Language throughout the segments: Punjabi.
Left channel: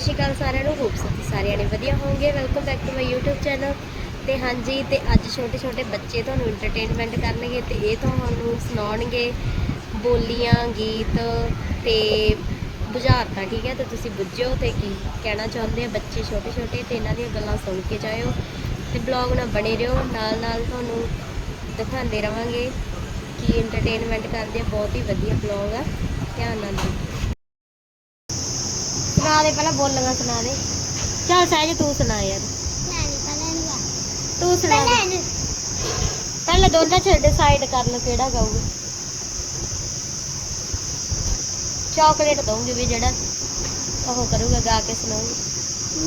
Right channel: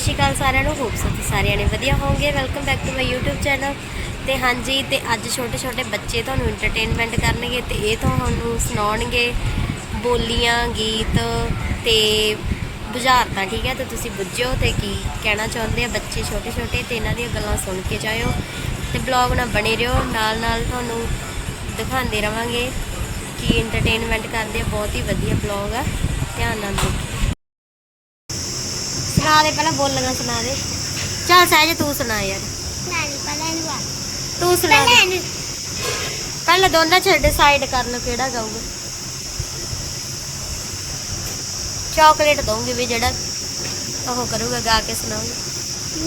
ਸ਼੍ਰੀ ਅਕਾਲ ਸਾਰਿਆਂ ਨੂੰ ਹੋਪ ਤੁਸੀਂ ਸਾਰਿਆਂ ਨੇ ਵਧੀਆ ਹੋਵੋਗੇ। Welcome back to my YouTube channel ਤੇ ਹਾਂਜੀ, ਤੇ ਅੱਜ ਛੋਟੇ ਛੋਟੇ ਬੱਚੇ ਤੁਹਾਨੂੰ ਐਂਟਰਟੇਨਮੈਂਟ ਕਰਨਗੇ ਤੇ ਇਹ ਤੁਹਾਨੂੰ ਸੁਣਾਉਣਗੇ ਬੋਲੀਆਂ, ਗੀਤ ਤੇ ਬੁਝਾਰਤਾਂ, ਠੀਕ ਹੈ? ਤੇ ਤੁਸੀਂ ਬੁੱਝਿਓ ਤੇ ਕੀ ਕਹਿਣਾ ਚਾਹੁੰਦੇ ਆ ਬੱਚੇ ਛੋਟੇ ਛੋਟੇ ਤੇ ਇਹਨਾਂ ਦੀਆਂ ਗੱਲਾਂ ਸੁਣ ਕੇ ਜਾਇਓ। ਤੇ ਬਲੌਗ ਨਾਲ ਬਣੇ ਰਹੋ, ਨਾਲ ਨਾਲ ਤੁਹਾਨੂੰ ਦਿਖਾਉਂਦੇ ਰਵਾਂਗੇ ਕੀ ਐਂਟਰਟੇਨਮੈਂਟ ਕਰਦੇ ਆ, ਬਹੁਤ ਹੀ ਵਧੀਆ ਬਲੌਗ ਆ। ਧਿਆਨ ਨਾਲ ਦੇਖਿਓ। ਸੁਣਾ ਦੇ ਪਹਿਲਾਂ ਬੋਲੀਆਂ ਸੁਣਾ ਦੇ। ਚੱਲ ਸਹਿਜ ਤੂੰ ਸੁਣਾ ਯਾਰ। ਨਾਨੀ ਪਹਿਲਾਂ ਨੂੰ ਆ। ਤੂੰ ਸੁਣਾ ਪਹਿਲਾਂ ਦੇ ਪਹਿਲਾਂ ਦੋਨਾਂ ਚ ਡਿਸਾਈਡ ਕਰ ਲਓ ਕਿਹੜਾ ਗਾਊਗਾ। ਚਾਕਲੇਟ ਦਊਂਗੀ ਵੀ ਜਿਹੜਾ ਉਹ ਕਰੂਗਾ ਗਾ ਕੇ ਸੁਣਾਉਂਗੀ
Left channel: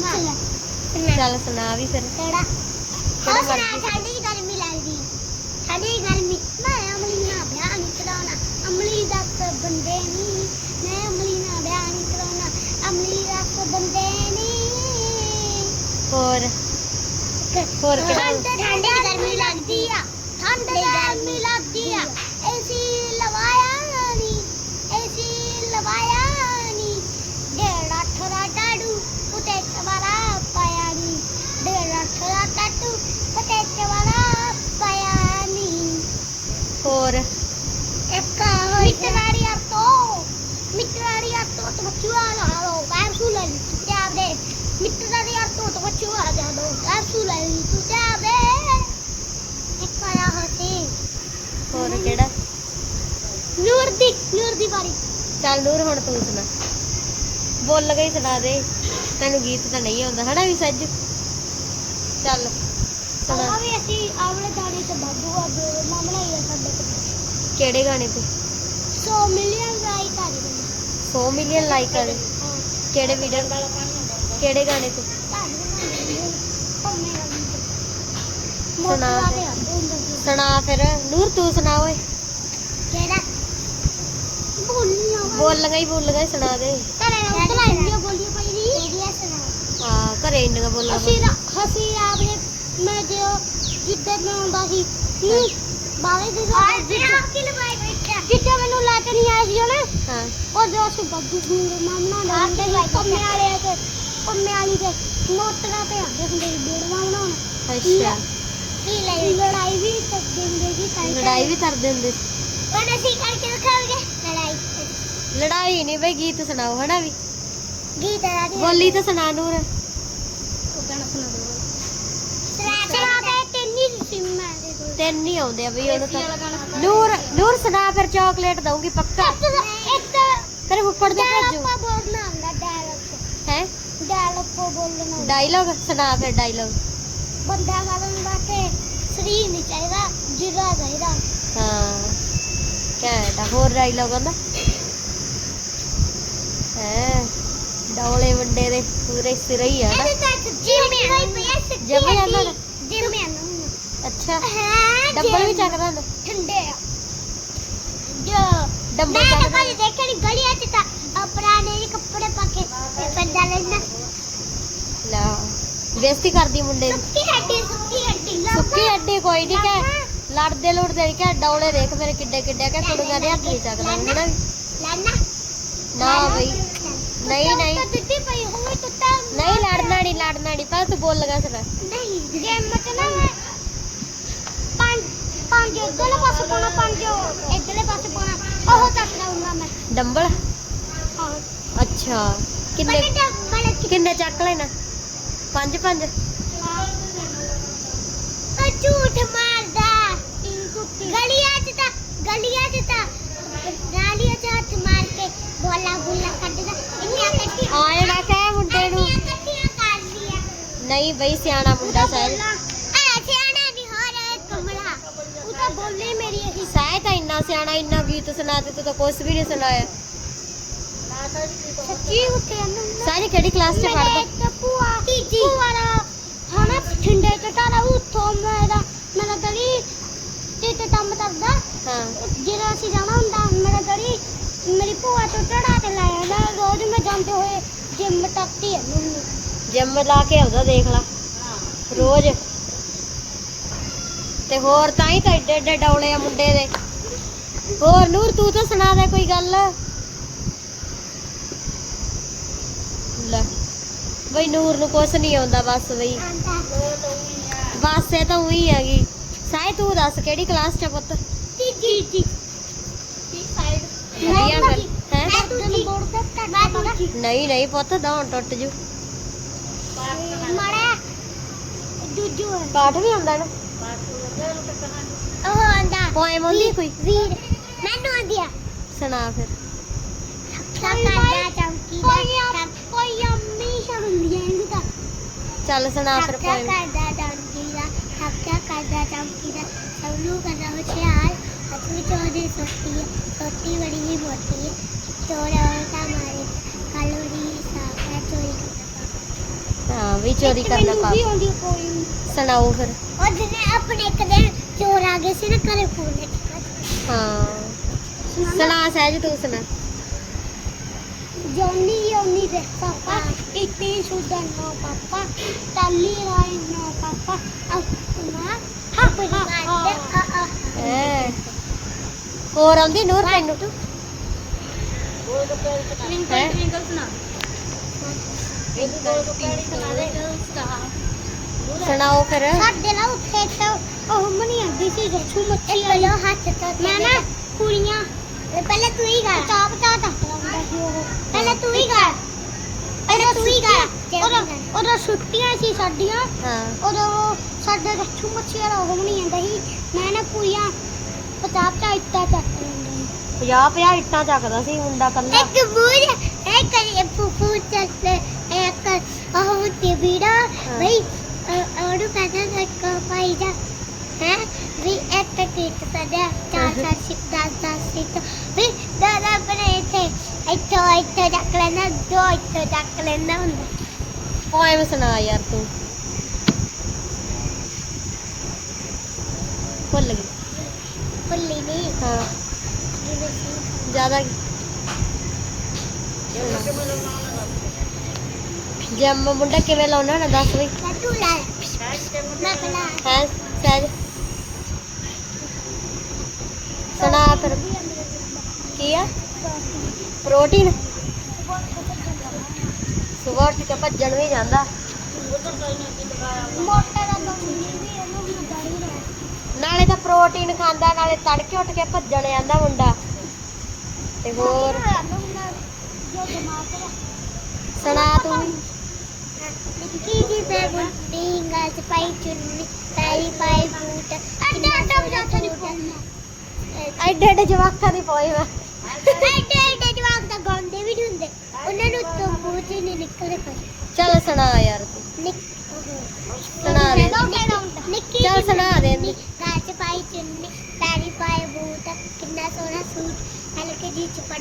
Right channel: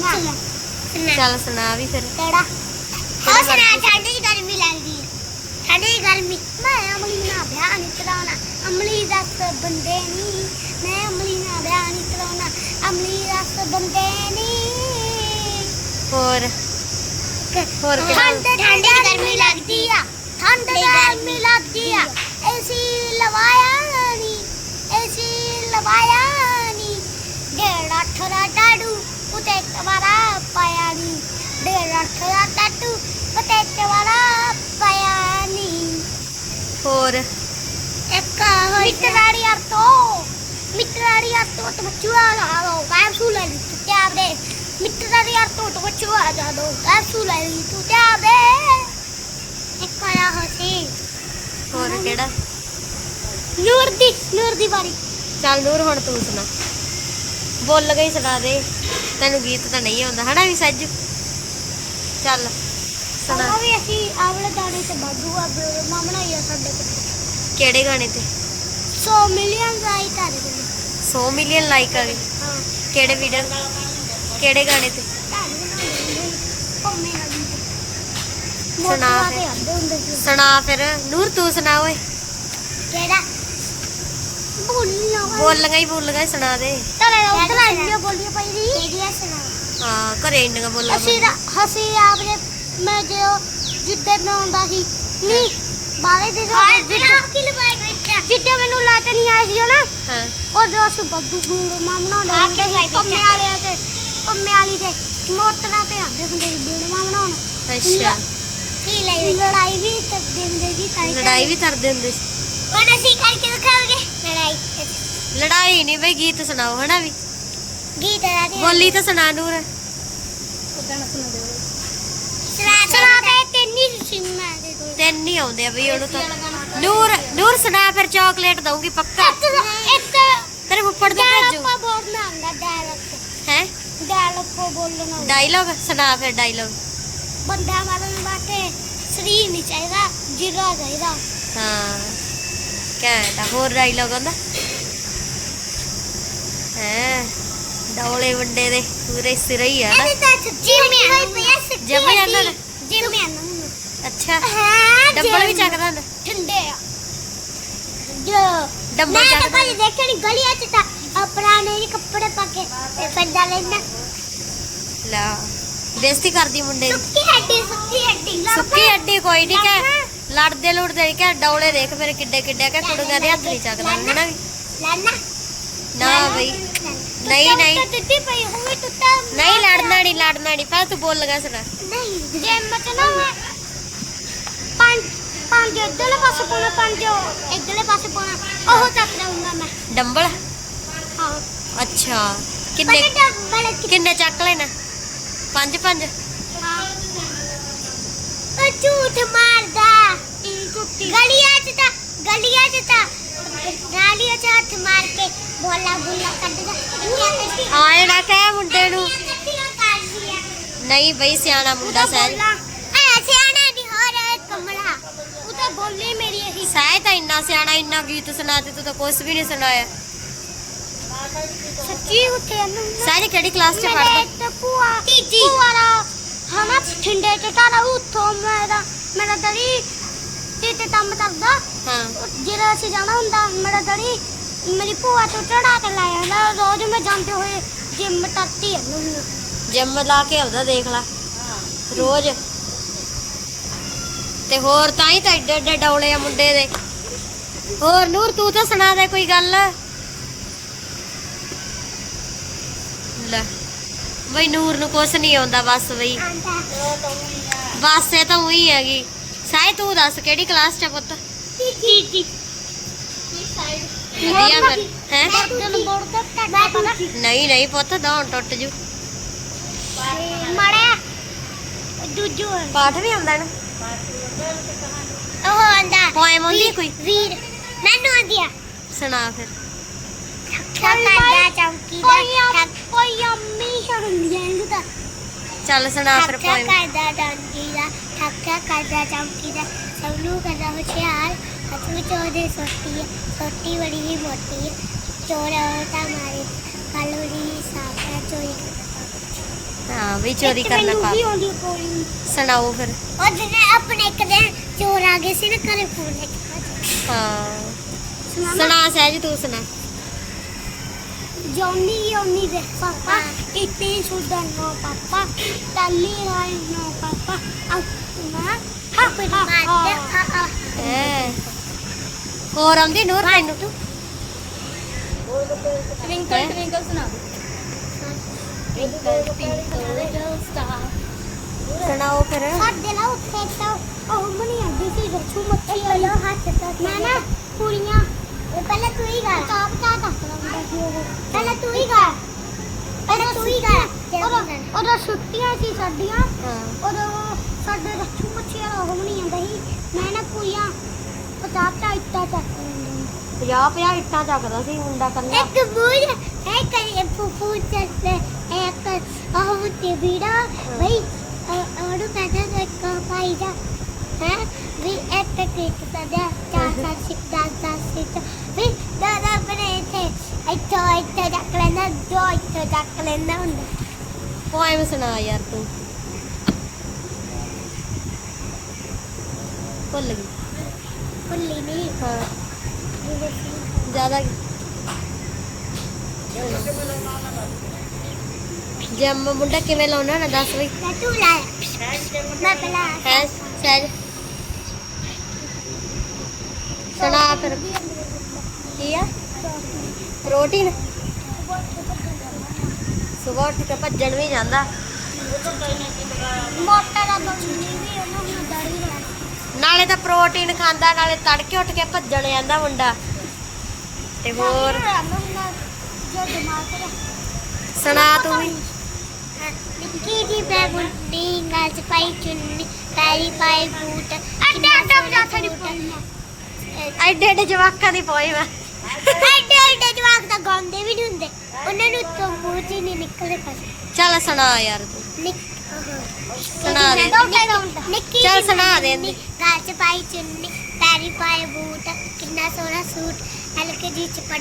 ਨਾ। ਸੁਣਾ। ਚੱਲ ਸੁਣਾ ਵੀ ਫਿਰ। ਕਿਹੜਾ? ਉਹ ਸੁਣਾ। ਠੰਡੀ ਗਰਮੀ ਲੱਗਦੀ ਹੈ। ਠੰਡੀ ਗਰਮੀ। ਮੈਂ ਅਮਲੀ ਨਾਲ ਵਿਆਹ ਨਹੀਂ ਕਰਾਉਣਾ। ਅਮਲੀ ਦੱਸ ਬੰਦੇ ਨਹੀਂ ਮੈਂ ਅਮਲੀ ਨਾਲ ਵਿਆਹ ਨਹੀਂ ਕਰਾਉਣਾ। ਅਮਲੀ ਦੱਸ ਬੰਦੇ ਨਹੀਂ ਹੋਰ? ਹੋਰ ਕਿਹੜਾ? ਠੰਡ ਠੰਡੀ ਗਰਮੀ ਲੱਗਦੀ ਆ। ਠੰਡ ਗਰਮੀ ਲੱਗਦੀ ਆ। ਏਸੀ ਲਵਾਇਆ ਨਹੀਂ ਏਸੀ ਲਵਾਇਆ ਨਹੀਂ ਡੇਢ ਅੱਠ ਦਾ ਟਾੜੂ ਉਤੇ ਕਵਾਰਾ ਪਾਇਆ ਨਹੀਂ ਡੇਢ ਅੱਠ ਦਾ ਟਾਟੂ ਉਤੇ ਕਵਾਰਾ ਪਾਇਆ ਨਹੀਂ ਹੋਰ? ਇੱਕ ਅਰਤੋ ਮਿੱਤਰਾੜੀ ਹੋਰ ਕਿਹੜਾ? ਨੂਰ ਦੀ ਨੂਰ ਦੀ ਵਾਰੀ। ਚੱਲ ਨੂਰ ਹੁਣ ਤੂੰ ਸੁਣਾ। ਬੋਲ ਗਈ ਸੁਣਾ ਦੇ। ਤੈਨੂੰ ਗੀਤ ਤਾਂ ਨਹੀਂ ਆਉਂਦਾ ਹਨਾ ਵੀ ਸੱਜ? ਚੱਲ ਸੁਣਾ। ਵੀ ਅਸੀਂ ਆਵਲੇ ਦਾੜੀ ਤੇ ਬਾਦੂ ਆ ਮਾਮਲਾ ਹੀ ਆ ਸਾਡੇ ਕੋਲ। ਕਿਹੜੇ ਗਾਣੇ ਤੇ? 100 ਮਿਲੀਅਨ ਆ ਗਏ 100 ਮਿਲੀਅਨ ਲਾਈਕ ਆ ਗਏ। ਹਾਂ ਕਿਹੜੇ ਵੀਡੀਓ ਕਿਹੜੇ ਗਾਣੇ ਤੇ? ਸੁਣਾ ਫਿਰ। ਸੁਣਾ ਫਿਰ। ਨੂਰ ਤੂੰ ਸੁਣਾ ਓਏ। ਕਿਹੜਾ? ਬੋਲੀਆਂ। ਹੀ ਬੋਲੀਆਂ ਸੁਣਾ ਦੇ। ਤਲੇ ਇੰਨੀਆਂ ਬੋਲੀਆਂ ਪਈ ਦੀ। ਕਿਹੜੀਆਂ ਸੁਣਾ? ਹਾਂ ਘਰੇ ਅਸੀਂ ਤਾਂ ਹਸੀ ਆਪਨੇ ਮੈਂ ਜੋ ਜਿੱਦੇ ਮੈਂ ਆਉਂਦਾ ਸੀ ਨਹੀਂ ਬਾਲੇ ਦੇ ਆਪ ਕੀ ਲਵਾਈ ਬੈਠਾ ਜਿੱਦੇ ਮੈਨੂੰ ਲੱਤ ਨਹੀਂ ਆਈ ਸੀ ਨਾ ਹਾਂ। ਉਹ ਜੋ ਅਸੀਂ ਬੱਦੂ ਗੂੰਗ ਮਾਮਣਾ ਦੇ ਪੰਮੇ ਵਾਲੇ ਤੇ ਪੰਮੇ ਵਾਲੀ ਦੇ ਮੋਟਰਾਂ ਤੇ ਆਉਂਦੇ ਹੁੰਦੇ ਸੀ ਬੇੜਵਾ ਬਣਾਉਣ। ਅੱਛਾ। ਲੜਾਈ ਵੀ ਕਰਦੇ ਹੁੰਦੇ ਸੀ ਤਾਂ ਲੜਾਈ ਵੀ ਕਰਦੇ ਹੁੰਦੇ ਸੀ। ਹੁਣ ਅਸੀਂ ਕਰਕੇ ਦਿਖਾਵਾਂਗੇ ਲੜਾਈ ਲੜਾਈ ਨਹੀਂ ਬਈ ਗੀਤ ਸੁਣਾਓ ਹਨਾ ਵੀ। ਗੀਤ ਦਾ ਬੋਲੀ ਤਾਂ ਸੁਣਾ ਨੂਰ। ਸੁਣਾ ਸੁਣਾ ਤੇ ਤੈਨੀ ਸਿੰਮਾ ਦੇ ਦੋ ਤਿੰਨ ਹੀ ਆਉਂਦੇ ਆ ਬਈ ਉਹਨੂੰ ਤਾਂ ਨੂਰ ਨੂਰ ਸੁਣਾ ਫਿਰ ਚਾਕਲੇਟ ਦਊਂਗੀ ਪੱਕਾ। ਇੱਕ ਤੇਰੇ ਫੁੱਫੜ ਤੋਂ ਭੇਜੂ। ਡਾਇਲੌਗ ਬੋਲਣਾ ਹੁੰਦਾ ਡਾਇਲੌਗ। ਹੈ? ਡਾਇਲੌਗ ਬੋਲਣਾ ਹੁੰਦਾ। ਡਾਇਲੌਗ? ਸੁਣਾ ਫਿਰ ਡਾਇਲੌਗ। ਬੰਦਾ ਮਾਰਨ ਵਾਸਤੇ ਸਰੀਰ ਨਹੀਂ ਚਾਹੀਦਾ ਜਿਰਾ ਚਾਹੀਦਾ। ਹਾਂ। ਆ ਹੋਰ ਡਾਇਲੌਗ ਆਉਂਦਾ। ਹੈ? ਡੌਲੇ ਵੰਡੇ ਦੇ ਪੂਰੇ ਸਿਰ ਹੀ ਆ ਨਾ। ਜਾਂਦਾ ਨਾ? ਜਿਮ ਜਾਂਦਾ ਅੱਛਾ। ਹਾਂ। ਡੱਬਲ ਵੀ ਚੱਕਦਾ ਹੁੰਦਾ। ਠੰਡੇ ਆ। ਜੋ ਡੰਬਲ ਮੈਂ ਚੱਕਦਾ। ਤਾਂ ਕਦੇ ਦੇਖਿਆ ਨਹੀਂ ਗਲੀਆਂ 'ਚ ਤਾਂ ਆਪਣਾ ਨਹੀਂ ਕੱਪੜੇ ਪਾ ਕੇ ਤੇ ਪੈਦਾ ਲੈਂਦਾ। ਲਾ ਬੇਇੱਜ਼ਤੀ ਕਰਦੀ ਮੁੰਡੇ ਦੀ। ਸੁੱਕੀ ਹੱਡੀ ਸੁੱਕੀ ਹੱਡੀ ਸੁੱਕੀ ਅੱਡੀ ਕੋਈ ਨਹੀਂ ਕਿ ਲੜਦੇ ਲੁੜਦੇ ਕਿ ਡੌਲੇ ਦੇਖ ਮੇਰੇ ਕਿੱਡੇ ਕਿੱਡੇ ਕਿ ਕੁੜੀਆਂ ਦੇ ਹੱਥ ਨਹੀਂ ਚੱਕਦਾ ਹਨਾ ਨਾ ਬਈ। ਨਹੀਂ ਨਹੀਂ ਟੁੱਟੀ ਪਈ ਹੋਵੇ ਟੁੱਟਾ। ਨਹੀਂ ਲੜਨਾ ਨਹੀਂ ਲੜਨਾ ਨਹੀਂ ਪਹਿਲਾਂ ਤੂੰ ਬੋਲ ਲਗਾ ਸੁਣਾ ਨਹੀਂ ਜਿਮ 'ਚ ਨਾ ਮੈਂ ਪੰਜ ਪੰਜ ਇੱਧਰਲੇ ਪਾਸੇ ਪਾਉਣਾ ਪੰਜ ਇੱਧਰਲੇ ਪਾਸੇ ਪਾਉਣਾ ਉਹ ਚੱਕ ਲਊਂਗਾ ਮੈਂ ਡੰਬਲ ਹਾਂ ਅੱਛਾ ਕਿੰਨੇ ਬੜੇ ਡੱਬਲ ਕਿ- ਕਿੰਨੇ ਚੱਕ ਲੈਣਾ ਪੰਜ ਪੰਜ ਹਾਂ ਉਹ ਝੂਠ ਮਾਰਦਾ ਗਲੀਆਂ 'ਚ ਤਾਂ ਗਲੀਆਂ 'ਚ ਤਾਂ ਗਾਲੀਆਂ 'ਚ ਹੱਥ ਮਾਰ ਕੇ ਬੋਲਾ ਬੋਲਾ ਕੱਢਦਾ ਇੰਨੀਆਂ ਕੱਢੀਆਂ ਆਏ ਨਾ ਕਹਿ ਮੁੰਡੇ ਨੂੰ ਇੰਨੀਆਂ ਕੱਢੀਆਂ ਕਰਦੀਆਂ ਨਹੀਂ ਬਈ ਸਿਆਣਾ ਮੁੰਡਾ ਸਹਿਜ ਐ ਸਿਆਣਾ ਨਹੀਂ ਹੋ ਰਿਹਾ ਕਮਲਾ ਉਹ ਤਾਂ ਬੋਲੀ ਮੇਰੀ ਇਹੀ ਇੰਨਾ ਸਿਆਣਾ ਇੰਨਾ ਗੀਤ ਸੁਣਾ ਤੇ ਤੂੰ ਤਾਂ ਕੁਝ ਵੀ ਨਹੀਂ ਸੁਣਾਇਆ। ਸੱਚੀ ਉੱਤੇ ਅੰਦਰ ਸਹਿਜ ਕਿਹੜੀ ਕਲਾਸ 'ਚ ਮੇਰੇ ਪੜ੍ਹਦਾ? ਇੱਕ ਭੂਆ ਦਾ ਹਨਾ ਠੰਡੇ ਚ ਤਾਰਾ ਉੱਥੋਂ ਮੇਰਾ ਮੇਰਾ ਦੜੀ ਤੇ ਤੇ ਕੰਮ ਕਰਦਾ। ਹਾਂ। ਜਿਹੜਾ ਅਸੀਂ ਜਾਣਾ ਹੁੰਦਾ ਮੇਰਾ ਦੜੀ ਮੇਰੀ ਭੂਆ ਤੋਂ ਚੜਾ ਕੇ ਲੈ ਆਉਂਦਾ। ਰੋਜ਼ ਮੈਂ ਜਾਂਦੇ ਹੋਏ ਜਿੰਮ ਇਹਨੂੰ ਜਿਮ ਲਾ ਕੇ ਆਉਂਦਾ ਦੇਖ ਲੈ। ਰੋਜ਼। ਤੇ ਹੋਰ ਤਾਂ ਹੀ ਤਾਂ ਏਡੇ ਏਡੇ ਡੌਲੇ ਆ ਮੁੰਡੇ ਦੇ। ਹੋਰ ਨੂਰ ਤੂੰ ਤਾਂ ਸੁਣਾ ਦੇ ਕੋਈ ਗੱਲ। ਲੈ ਬਈ ਨੂਰ ਨੂੰ ਕੁਛ ਨਹੀਂ ਆਉਂਦਾ ਬਸ ਬਈ। ਬਸ ਇਹ ਤਾਂ ਉਹੀ ਹੈਗੀ। ਸਾਈ ਤੂੰ ਦੱਸ ਕਿਹੜੀ ਕਲਾਸ ਚ ਪੁੱਤ? ਵਧੀਆ ਫਿਰ ਹੈ? ਨਹੀਂ ਨਹੀਂ ਪੁੱਤ ਦੌਣ ਟੁੱਟ ਜੂ। ਮਾੜਾ ਦੂਜੂ ਪਾਠ ਵੀ ਹੁੰਦਾ ਨਾ? ਉਹ ਆਂਦਾ ਪੋਇਮ ਆਉਂਦੀ ਕੋਈ? ਵੀਰ ਮੈਨੂੰ ਆਂਦੀ ਆ। ਸੁਣਾ ਫਿਰ। ਥੱਕਾ ਚੌਂਕੀ ਦਾ ਕੋਈ ਅੰਮੀ ਹੁੰਦੀ ਐ ਇਹਨੂੰ ਤਾਂ। ਚੱਲ ਸੁਣਾ ਫਿਰ ਪੋਇਮ ਕਰਦਾ ਚੌਂਕੀ ਦਾ ਥੱਕਾ ਕਰਦਾ ਚੌਂਕੀ ਦਾ। ਸਭ ਨੂੰ ਕਰਦਾ ਹੁਸ਼ਿਆਰ ਅਸੂ ਚੋਦੇ ਸੋਤੀ ਹੈ ਸੋਤੀ ਬੜੀ ਹੀ ਮੋਟੀ ਹੈ ਚੋਰ ਤਾਂ ਮਾਰੇ। ਕੱਲ ਉਹਦੀ ਸਾਫ਼ ਹੈ ਚੋਰੀ ਕਰਦਾ ਹਾਂ ਵੀ ਚੋਰੀ ਕਰਨਾ ਕੋਈ। ਸੁਣਾਓ ਫਿਰ। ਉਹ ਜਿਹਨੇ ਆਪਣੇ ਇੱਕ ਦਿਨ ਚੋਰ ਆ ਗਏ ਸੀ ਨਾ ਘਰੇ ਫੋਨ ਲੈ ਕੇ ਹਾਂ। ਸੁਣਾ ਸਹਿਜ ਤੂੰ ਸੁਣਾ। ਜੌਨੀ ਯੌਨੀ ਦੇ ਪਾਪਾ ਇੱਥੇ ਸੁਦਾ ਨੋ ਪਾਪਾ ਟੱਲੀ ਰਾਈ ਨੋ ਪਾਪਾ ਅਸਮਾ ਹਾ ਹਾ ਹਾ। ਹੈ ਹੋਰ ਆਉਂਦੀ ਨੂਰ ਤੈਨੂੰ ਤੂੰ? ਹੈਂ? ਸੁਣਾਓ ਫਿਰ। ਸਾਡੇ ਨਾਲ ਉੱਥੇ ਤਾਂ ਉਹ ਮਨੀ ਆਂਦੀ ਸੀ ਰੱਛੂ ਮੱਛੀ ਵਾਲੀ। ਹੱਥ ਤਾਂ ਮੈਂ ਨਾ ਕੁੜੀਆਂ ਪਹਿਲਾਂ ਤੂੰ ਹੀ ਗਾ ਤਾਂ ਬਤਾ ਦੱਸ ਲਾਉਂਦਾ ਸੀ ਉਹ ਪਹਿਲਾਂ ਤੂੰ ਹੀ ਗਾ ਪਹਿਲਾਂ ਤੂੰ ਹੀ ਗਾ ਉਹਦਾ ਉਹਦਾ ਛੁੱਟੀਆਂ ਸੀ ਸਾਡੀਆਂ। ਹਾਂ। ਉਦੋਂ ਸਾਡੇ ਰੱਛੂ ਮੱਛੀ ਵਾਲਾ ਉਹ ਮਨੀ ਆਂਦਾ ਸੀ। ਮੈਂ ਨਾ ਕੁੜੀਆਂ ਪਤਾਪ ਤਾਂ ਇੱਟਾ ਚੱਕ ਲੈਂਦਾ 50 50 ਇੱਟਾਂ ਚੱਕਦਾ ਸੀ ਮੁੰਡਾ ਕੱਲਾ ਇੱਕ ਬੂਝ ਹੈ ਕਰੀ ਫੂਫੂ ਚੱਲ ਇੱਕ ਆਹ ਤੇ ਵੀੜਾ ਬਈ ਉਹਨੂੰ ਕਹਿੰਦਾ ਇੱਕ ਪਾਈ ਜਾ। ਹੈ? ਵੀ ਇੱਕ ਕਿਤ ਪੜਿਆ ਚਾਰ ਚਾਰ ਸਿੱਖ ਦਸ ਦਸ ਸਿੱਖ ਵੀ ਦਾਦਾ ਆਪਣੇ ਇੱਥੇ ਇੱਥੋਂ ਇੱਥੋਂ ਚੱਕ ਲੈਂਦਾ ਦੋ ਇੱਥੋਂ ਚੱਕ ਲੈਂਦਾ ਹੁੰਦਾ। ਪੋਇਮ ਸੁਣਾ ਯਾਰ ਤੂੰ। ਭੁੱਲ ਗਈ। ਭੁੱਲੀ ਨਹੀਂ। ਹਾਂ। ਜ਼ਿਆਦਾ ਜੰਮ ਮੁੰਡਾ ਕਿਵੇਂ ਲਾਉਣਾ ਨਾ ਦੱਸ ਬਈ ਮੈਂ ਤੂੰ ਲਾਇਆ ਮੈਂ ਪਹਿਲਾਂ ਹੈ ਸਹਿਜ? ਸੁਣਾ ਫਿਰ ਕੀ ਆ? ਪ੍ਰੋਟੀਨ? ਸਵੇਰ ਉੱਠ ਕੇ ਭੱਜਣ ਵੀ ਜਾਂਦਾ। ਮੋਟਾ ਦਾ ਬੰਦੀ ਵੀ ਉਹਨੂੰ ਵੀ ਦਾੜੀ ਨਾਲੇ ਤਾਂ ਪ੍ਰੋਟੀਨ ਖਾਂਦਾ ਨਾਲੇ ਤੜਕੇ ਉੱਠ ਕੇ ਭੱਜਣ ਜਾਂਦਾ ਮੁੰਡਾ। ਤੇ ਹੋਰ? ਤੇ ਸੁਣਾ ਤੂੰ ਵੀ। ਨਿੱਕੀ ਜੀ ਪੈ ਗੁੱਡੀ ਪਾਈ ਚੁੰਨੀ ਪੈਰੀ ਪਾਈ ਬੂਟ ਅੱਡੇ ਅੱਡੇ ਵਜਾ ਥੜੀ ਪਾਉਣਾ ਐਡੇ ਐਡੇ ਜਵਾਕਾਂ ਦੀ ਪੋਇਮ ਅੱਡੇ ਅੱਡੇ ਜਵਾਕ ਤਾਂ ਗਾਉਂਦੇ ਵੀ ਨਹੀਂ ਹੁੰਦੇ। ਉਹਨਾਂ ਨੂੰ ਤੋਂ ਮੂੰਹ ਚ ਹੀ ਨਹੀਂ ਨਿਕਲਦੇ ਫਸ ਚੱਲ ਸੁਣਾ ਯਾਰ ਤੂੰ। ਨਿਕ ਸੁਣਾ ਦੇ। ਨਿੱਕੀ ਚੱਲ ਸੁਣਾ ਦੇ। ਗਾਲ ਚ ਪਾਈ ਚੁੰਨੀ ਪੈਰੀ ਪਾਏ ਬੂਟ ਕਿੰਨਾ ਸੋਹਣਾ ਸੂਟ ਹਲਕੇ ਜੀ ਚ ਪੜ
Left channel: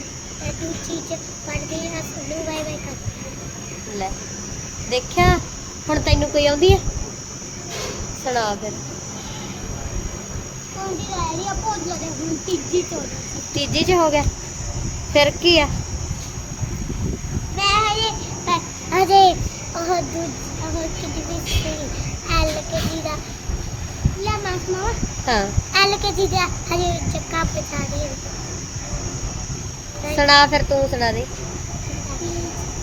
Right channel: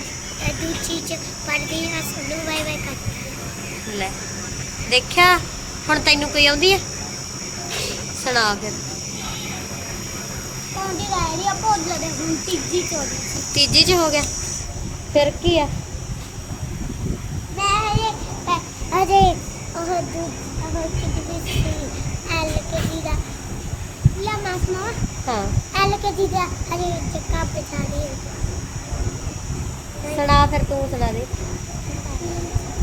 ਦੂਜੀ ਚ ਪੜਦੀ ਹਾਂ ਸੁਣੂ ਬਾਈ ਬਾਈ ਕਰ ਲੈ ਦੇਖਿਆ? ਹੁਣ ਤੈਨੂੰ ਕੋਈ ਆਉਂਦੀ ਆ? ਸੁਣਾ ਫਿਰ। ਆ ਲੜੇ ਹੁਣ ਤੀਜੀ ਚ ਹੋ ਗਿਆ। ਫਿਰ ਕੀ ਆ? ਮੈਂ ਹਜੇ ਮੈਂ ਹਜੇ ਉਹ ਦੂਜ ਉਹ ਕਿਦੀ ਸੀ? ਐਲ ਕੇ ਦਾ। ਲਾ ਮਾਸ ਨਾ ਹਾਂ। ਐਲ ਕੇ ਦਾ ਹਜੇ ਚੱਕਾ ਪਛਾ ਦੇ। ਸੁਣਾ ਫਿਰ ਤੂੰ ਸੁਣਾ ਦੇ।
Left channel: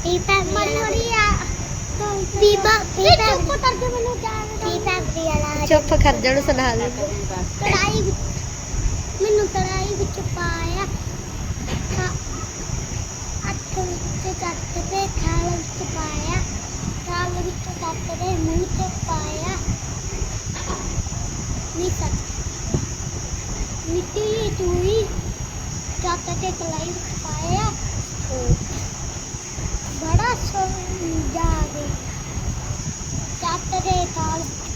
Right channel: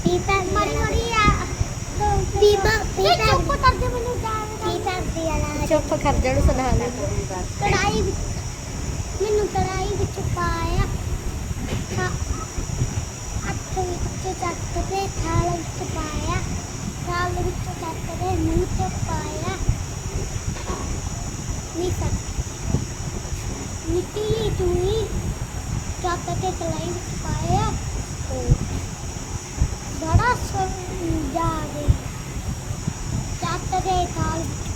ਪੀਪਾ ਮਰੀ ਮਰੀ ਆ ਪੀਪਾ ਪੀਪਾ ਚੁੱਪ ਕਰ ਦੇ ਮੈਨੂੰ ਜਾਣ। ਪੀਪਾ ਵਾਲਾ ਚੁੱਪ ਕਰ ਜਣ ਸੁਣਾ ਦੇ। ਕੜਾਈ ਵਿੱਚ, ਮੈਨੂੰ ਕੜਾਈ ਵਿੱਚ ਪਾਇਆ। ਥਾ ਵਿੱਚ ਚੱਕ ਕੇ ਥਾਲ ਵਿੱਚ ਪਾਇਆ। ਥਾਲ ਵਿੱਚ ਚੱਕ ਕੇ ਮੂੰਹ ਤੇ ਪਾਇਆ। ਨੀ ਸਕ ਮਿੱਟੀ ਚੂਈ ਚੱਕ ਤੇ ਕੜਾਈ ਵਿੱਚ ਪਾਇਆ। ਬੜਾ ਸਮਝਾ ਦੇ ਚੱਕ ਕੇ ਥਾਲ ਵਿੱਚ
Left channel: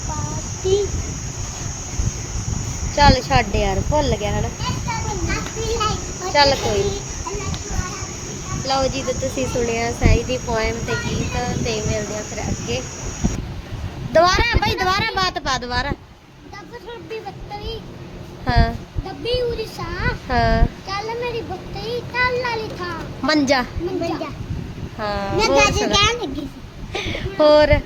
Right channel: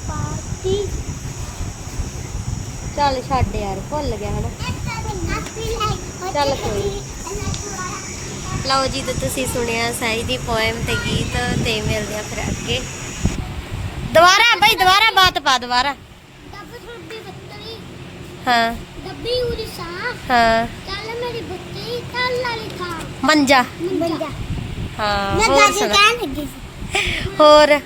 ਚੱਲ ਛੱਡ ਯਾਰ ਭੁੱਲ ਗਿਆ ਹਨਾ। ਚੱਲ ਕੋਈ। ਲਓ ਜੀ ਤੇ ਤੁਸੀਂ ਸੁਣਿਆ ਸਾਈ ਦੀ ਪੋਇਮ ਤੇ ਗੀਤ ਤੇ ਮਿਲਦੇ ਆ ਫਿਰ ਅੱਗੇ। ਦੁਬਾਰਾ ਬਈ ਦੁਬਾਰਾ ਬਾਤ ਪਾ ਦੁਬਾਰਾ। ਦੱਬ ਛੋਡੀ ਬੱਤਰੀ। ਹਾਂ। ਦੱਬੀ ਉਰੀ ਸਾਂ ਹਾਂ। ਚੱਲ ਮੇਰੀ ਬੱਤਰੀ ਕੱਲ ਵਾਲੀ ਥਾਂ। ਮੰਜਾ। ਮੰਜਾ। ਹਾਂ ਹੋਰ ਸੁਣਾ। ਹੋਰ।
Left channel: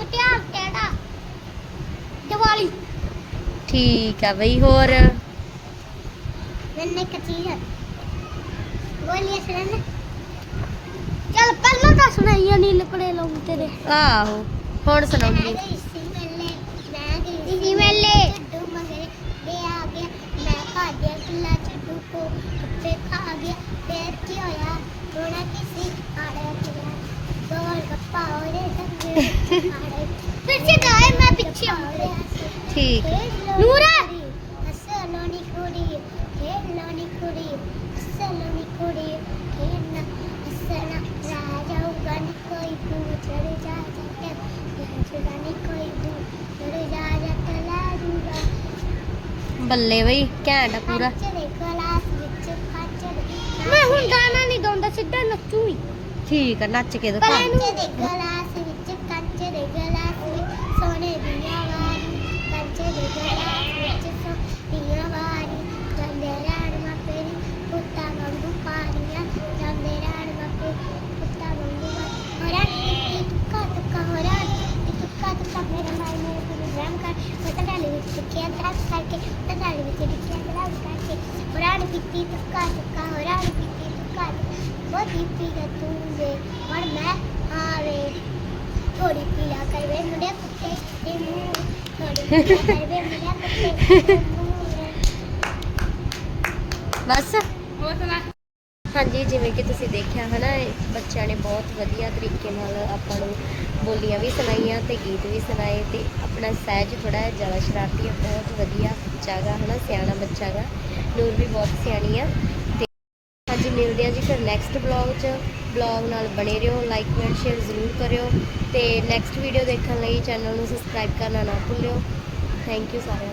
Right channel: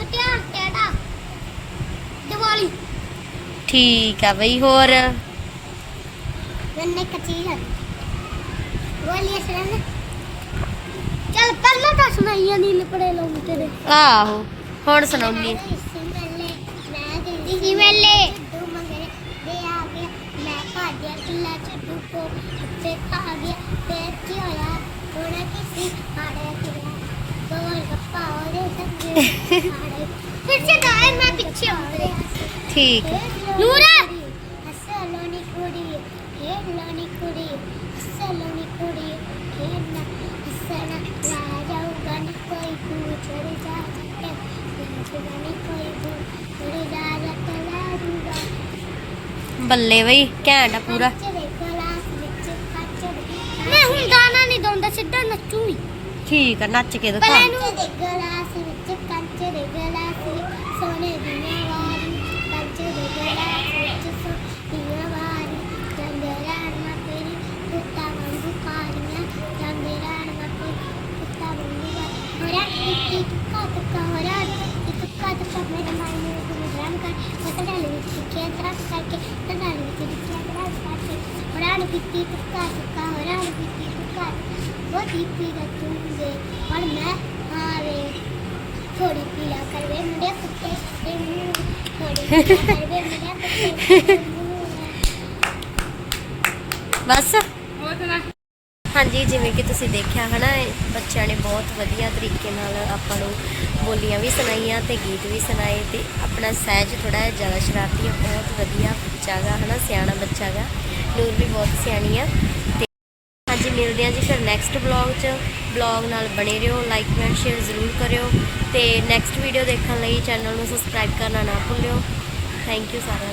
ਤਿਆਰ ਕਿਹੜਾ? ਦੀਵਾਲੀ। ਠੀਕ ਆ ਬਈ ਹੋਰ? ਮੈਨੇ ਕਚੀ ਹੈ ਬੋਲੀਏ ਸਰ ਤਾਂ ਸੁਣਾਈਆਂ ਨਹੀਂ ਲਿਪੜੇ ਲਾਉਂਦੇ ਨੇ ਆਹੋ ਹੁਣ ਸੁਣਾਉਣੀ ਇਸੀ ਮੇਲੇ ਛੱਡੂ ਮੰਗਰੇ ਦੇ ਆ ਗਿਆ। ਮੈਂ ਗਿਆ ਕਿੱਲਾ ਛੱਡੂ ਕੋ ਉੱਤੇ ਖਾ ਗਿਆ। ਫੇਰ ਕੀ ਹੋਇਆ? ਥੋੜਾ ਕਿਸੇ ਬੋਲ ਆੜੇ ਫਿਰ ਸੇ ਗਾਏ ਮੈਂ ਪਿੱਛੇ ਆੜੇ ਠੀਕ ਨੂਰਾ ਹਸਲੋਨੀ ਕੁੜੀ ਖੇਲੋਨੀ ਕੁੜੀ ਹਸਲੋਨੀ ਕੁੜੀ ਖੇਲਣਾ ਹਸਣਾ ਰਾਜਾ ਉਗਨ ਕੋਈ ਪੁੱਛੜ ਜਾ ਸਕੇ ਹਸਣਾ ਕੋਈ ਪੁੱਛੜ ਜਾ ਸਕੇ ਲਾਜੂਗਾ ਬੱਲੇ ਬਈ ਘੈਂਟ ਆ ਪੂਰਾ ਕੱਚ ਦੇ ਗਲਾਸ ਵਿੱਚ ਕੱਚ ਦੇ ਮੈਂ ਹੁਣ ਗਾਣਾ ਨਹੀਂ ਗਾਉਂਦਾ ਸਿੱਧਾ ਨੱਚੂ ਹੀ ਠੀਕ ਆ ਨੱਚ ਕੇ ਦਿਖਾ ਕੱਚ ਦੇ ਗਲਾਸ ਵਿੱਚ ਕੱਚ ਦੇ ਗਲਾਸ ਵਿੱਚ ਸੋਨੇ ਦੀਆਂ ਵਾਰੀ ਕੱਚ ਦੇ ਗਲਾਸ ਵਿੱਚ ਸੋਨੇ ਵਾਰੀ ਜਾਂਦੇ ਰਾਣ ਮਾ ਤੇਰੀ ਕੁੱਤਾ ਵਾਂਗੂ ਪਾਣੀਆਂ ਜਾਂਦੇ ਰਾਣ ਮਾ ਤੇਰੀ ਕੁੱਤਾ ਵਾਂਗੂ ਹੋਰਾ ਕੀ ਤੁੱਕਾ ਤੁੱਕਾ ਹੋਰਾ ਕੀ ਤੁੱਕਾ ਤੁੱਕਾ ਮੇਰੇ ਮਾਈ ਮੇਰੇ ਕੋਲ ਰਾਮ ਕਰ ਮਸਲਾ ਲੈ ਵਿੱਚ ਕਿਆ ਤਰ੍ਹਾਂ ਕਰਕੇ ਤਦਾ ਲੈ ਵਿੱਚ ਕਿਆ ਤਰ੍ਹਾਂ ਕਰਕੇ ਹੋਰਾ ਨੂੰ ਕੀਤੀ ਤੁੱਕਾ ਤੁੱਕਾ ਹੋਰਾ ਨੂੰ ਕੀਤੀ ਤੁੱਕਾ ਉਹ ਦੀਪੀ ਗੱਤੂੰਦੇ ਹੁਣ ਮੈਂ ਆਵੇ ਥੋੜੀ ਪੀਲਾ ਕਰਵੇ ਮੁੰਡੇ ਕੁੱਤੇ ਦੇ ਮੂੰਹ। ਥੋੜੀ ਕਰਵੇ ਮੁੰਡੇ ਕੁੱਤੇ ਦੇ ਮੂੰਹ। ਬਸ। ਹਾਂਜੀ ਜਿਵੇਂ ਕਿ ਤੁਸੀਂ ਦੇਖਿਆ ਹਨਾ ਇਹ ਬੱਚਿਆਂ ਨੇ ਬਹੁਤ ਵਧੀਆ ਤਰੀਕੇ ਨਾਲ ਆਪਾਂ ਨੂੰ ਬੋਲੀਆਂ ਵੀ ਸੁਣਾਈਆਂ ਤੇ ਗੀਤ ਵੀ ਸੁਣਾਏ ਤੇ ਆਪਣਾ ਸਹਿਜ ਥੋੜਾ ਜਿਹਾ ਜ਼ਿਆਦਾ ਸ਼ਰਾਰਤੀ ਆ। ਬਹੁਤ ਵਧੀਆ ਬੱਚਾ ਗਾ ਹਨਾ ਸਿਆਣਾ ਬੱਚਾ ਗਾ। ਨੂਰ ਵੀ ਬਹੁਤ ਸਿਆਣੀ ਆ। ਤੇ ਮਿਲਦੇ ਹਾਂ ਜੀ, ਫਿਰ ਨੈਕਸਟ ਬਲੌਗ 'ਚ। ਬਲੌਗ ਨਾਲ ਬਣੇ ਰਹੋ ਲਾਈਕ ਐਂਡ ਸ਼ੇਅਰ ਜ਼ਰੂਰ ਕਰਿਓ। ਤੇ ਨੈਕਸਟ ਵੀਡੀਓ ਦੇਖਣ ਲਈ ਚੈਨਲ ਨੂੰ ਸਬਸਕ੍ਰਾਈਬ ਕਰਨਾ ਨਾ ਭੁੱਲਿਓ। ਥੈਂਕ ਯੂ ਸਾਰਿਆਂ ਦਾ।